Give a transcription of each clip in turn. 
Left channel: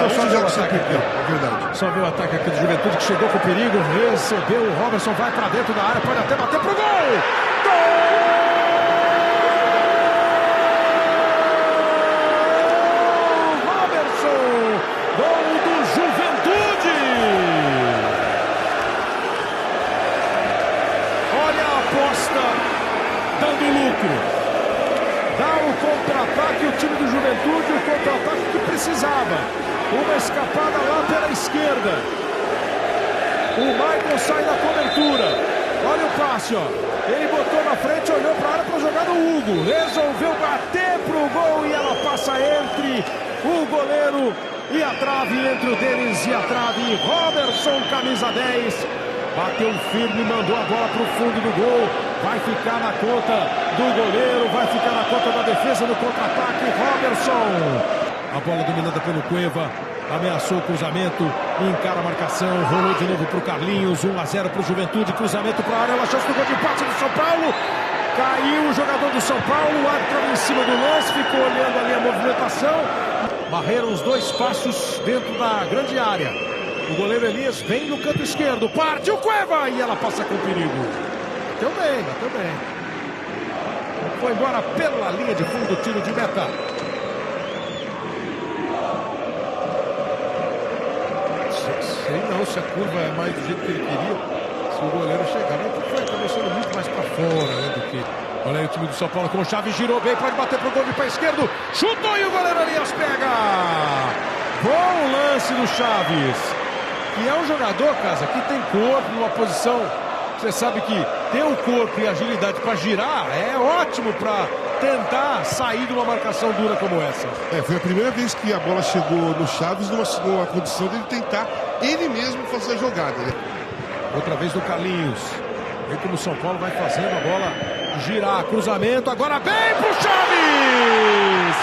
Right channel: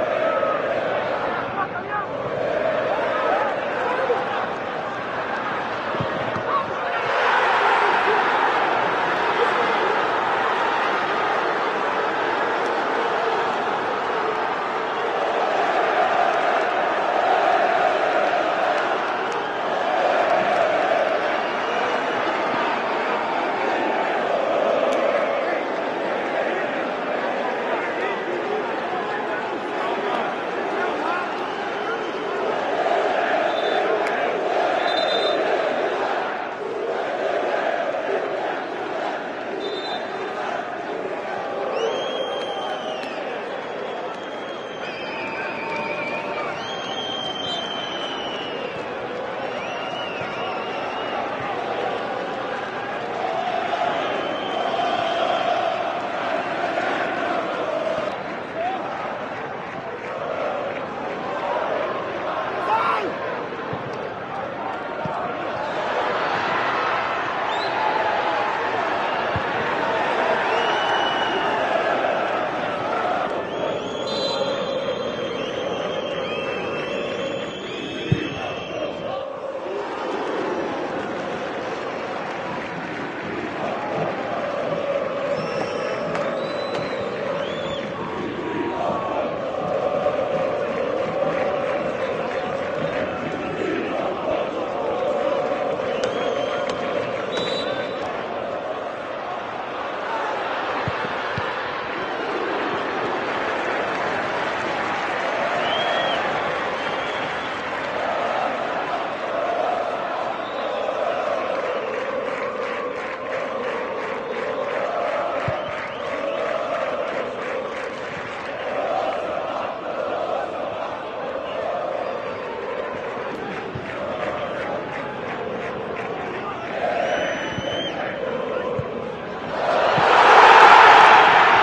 Deixa eu só ver o ataque aqui. É verdade. Só ver o ataque aqui do Juventude, que chegou com perigo, recebeu, o Robertson vai pra dentro da área, pode até bater pro gol! Uma escapada lá pela esquerda. O Michael sai da cobertura. Olha o passe, ó. Ele botou na frente, olhou para a área para jogar no Hugo. Resolveu bater pro gol e ela passa entre o goleiro e a trave, entre o Denis e a trave. Robertson, camisa 10. Bateu firme, mandou a bola pro fundo do gol. Vai ficar na conta do goleiro, vai ficar na conta da defesa no contra-ataque. Robertson. A bola dominada pelo Cueva, ameaçou o cruzamento, encara a marcação, rolou de novo para o Carlinhos, 1-0 para o Juventude, cruzamento para a área, ela chance do gol de empate do São Paulo, caiu o jogador do São Paulo, o árbitro em cima do lance, ficou olhando ali a movimentação, barreram os dois passos dentro da grande área, o goleiro Elias vem no canto esquerdo, parte o Cueva e ela passa com perigo, deu bem, foi embora pela linha de fundo, tiro de meta. Se a curva é mais do jeito que ele queria, se o goleiro chegar, foi começando muito mais para fora, né, do que... Olha aí o time do São Paulo com o Chaves, girou bem, pode bater pro gol de pé esquerdo, chutou e o goleiro Elias pega! Bom lance do Chaves, e é um jogador, Casa, que tem corpo, numa posição, você sabe que ter o corpo e agilidade para girar é ótimo para tentar sair de uma marcação dura como essa. Foi a primeira vez que a bola chegou no Chaves numa condição de ele tentar ele mesmo fazer a jogada, né? Outra vez do Carlinhos. Vê como o São Paulo vai fazendo a bola girar. Cruzamento, agora bem pro Chaves!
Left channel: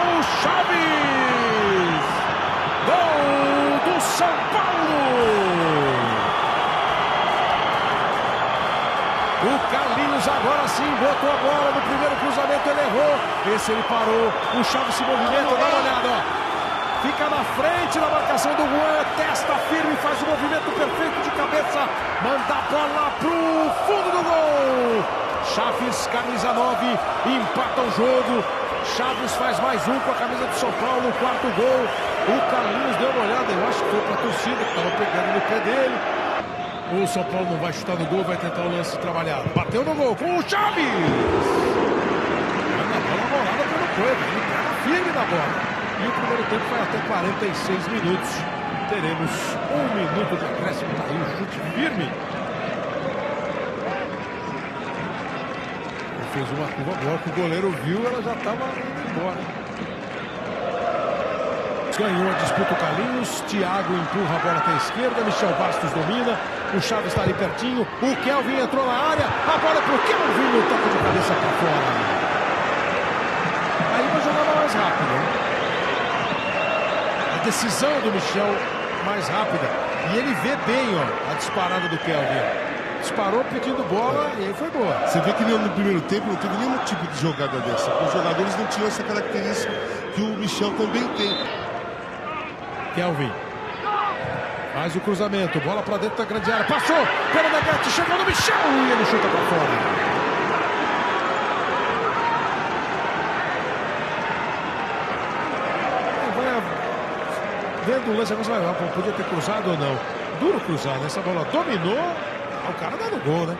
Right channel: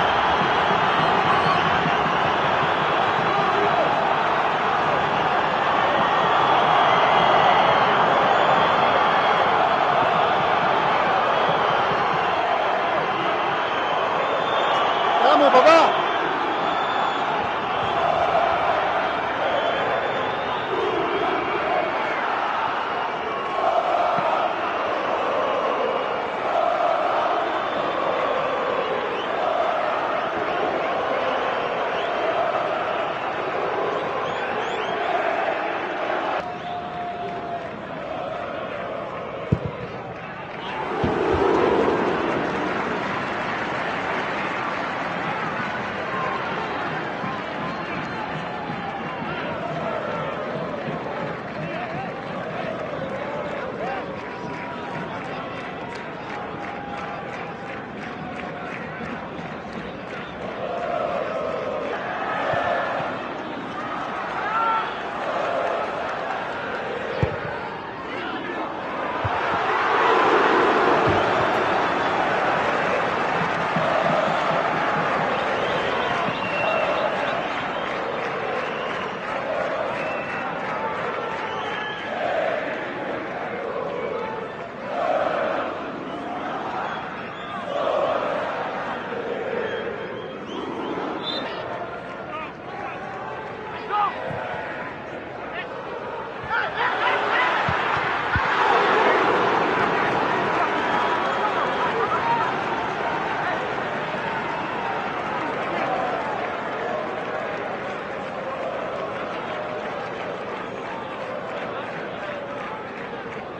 Gol! Chaves! Gol do São Paulo! O Carlinhos agora sim botou a bola no primeiro cruzamento, ele errou. Esse ele parou, o Chaves se movimenta, fica na frente na marcação do Juan, testa firme, faz o movimento perfeito de cabeça, manda a bola pro fundo do gol. Chaves, camisa 9, empata o jogo. Chaves faz mais um com a camisa do São Paulo, o quarto gol. O Carlinhos deu uma olhada, eu acho que foi pra torcida, que estava pegando no pé dele. O São Paulo não vai chutar no gol, vai tentar o lance trabalhado. Bateu no gol com o Chaves! Firme na bola. E o primeiro tempo foi até 46 minutos. Teremos 1 minuto de acréscimo. Aí o chute firme. Ele fez uma curva boa que o goleiro viu, ela já estava embora. Ganhou a disputa o Carlinhos. Thiago empurra a bola até a esquerda. Michel Bastos domina. O Chaves está ali pertinho. O Kelvin entrou na área. A bola pro Kelvin. Tem que cabeça para fora. Decisão do Michel mais rápida. E ele vê bem, ó, a disparada do Kelvin. Disparou pedindo bola e aí foi boa. Você vê que no primeiro tempo não teve nenhum tipo de jogada dessa. Os jogadores não tinham essa característica que o Michel também tem. Kelvin faz o cruzamento, bola pra dentro da grande área. Passou pelo Negatti, chegou no Michel e ele chuta pra fora. Vendo o lance, podia ter cruzado ou não. Duro cruzar, né? Essa bola dominou, o cara dá no gol, né?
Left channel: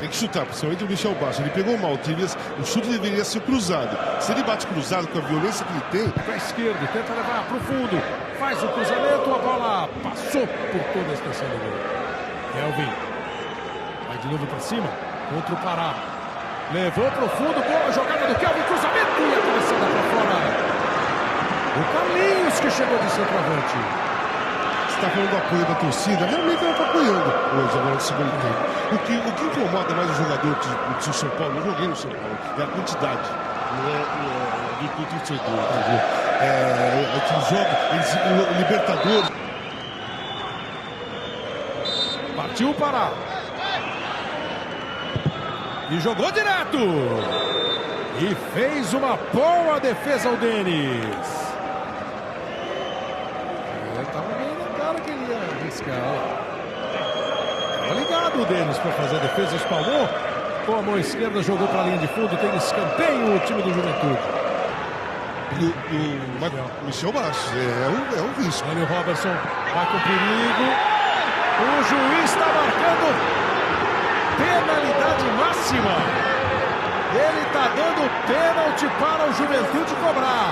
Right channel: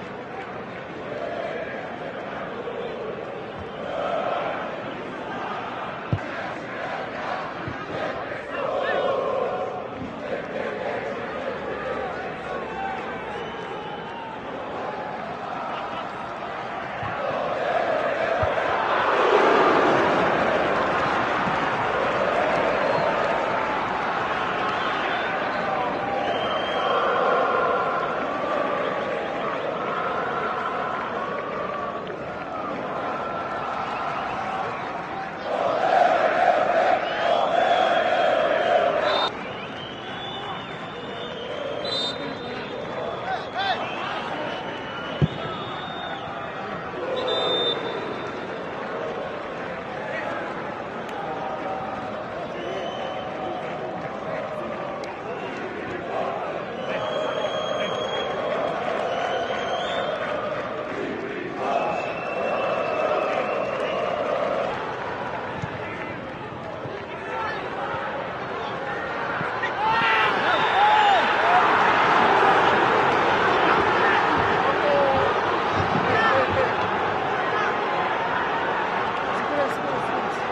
Tem que chutar, principalmente o Michel Bastos. Ele pegou mal, o chute deveria ser cruzado. Se ele bate cruzado com a violência que ele tem... Para esquerdo, tenta levar pro fundo. Faz o cruzamento, a bola passou por toda a expressão do gol. Kelvin vai de novo para cima, contra o Pará. Levou pro fundo, boa jogada do Kelvin, cruzamento e a cabeçada para fora. O Carlinhos que chegou de centroavante. Você está falando do apoio da torcida, realmente ela está apoiando hoje, agora no segundo tempo. O que incomoda mais o jogador do São Paulo, eu joguei no São Paulo, é a quantidade, não é do torcedor. É que joga, o Libertadores. Partiu o Pará. E E jogou direto. E fez uma boa defesa o Denis. Claro que ele ia arriscar. Tá ligado o Denis para fazer a defesa. Espalhou. Com a mão esquerda, jogou para a linha de fundo. Tem escanteio o time do Juventude. Michel Bastos, é um risco. Olha o Robertson, vai com perigo. O juiz está marcando penalidade máxima. Ele está dando pênalti para o Juventude cobrar.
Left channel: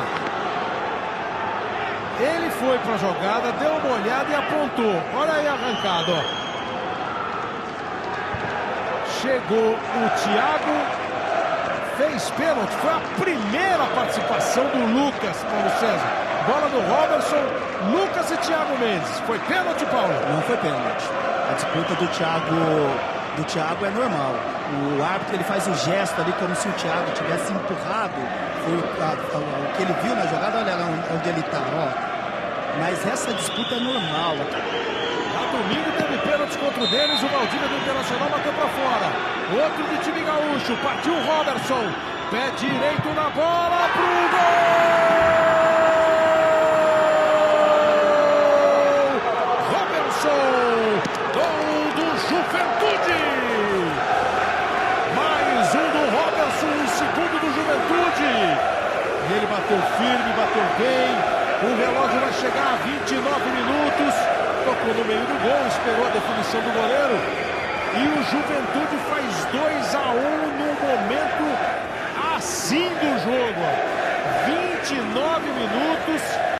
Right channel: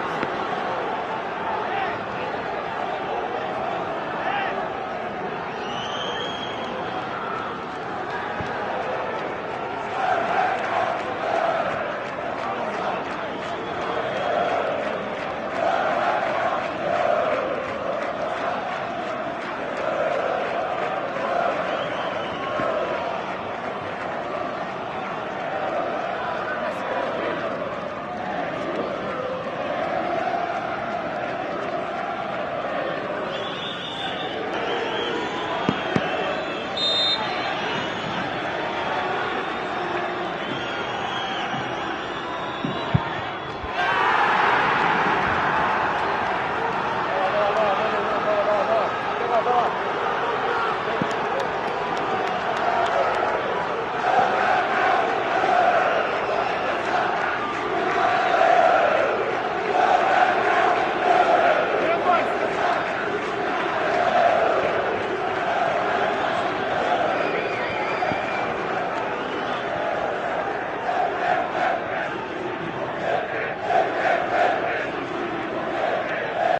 Ele foi para a jogada, deu uma olhada e apontou. Olha aí a arrancada, ó. Chegou o Thiago, fez pênalti. Foi a primeira participação do Lucas, Paulo César. Bola do Robertson, Lucas e Thiago Mendes. Foi pênalti, Paulo? Não foi pênalti. A disputa do Thiago é normal. O árbitro ele faz o gesto ali como se o Thiago tivesse empurrado. Foi o que ele viu na jogada, olha onde ele está. Mas essa disputa é normal. No domingo teve pênalti contra o Denis, o Valdívia do Internacional bateu para fora. Outro do time gaúcho, partiu o Robertson. Pé direito na bola.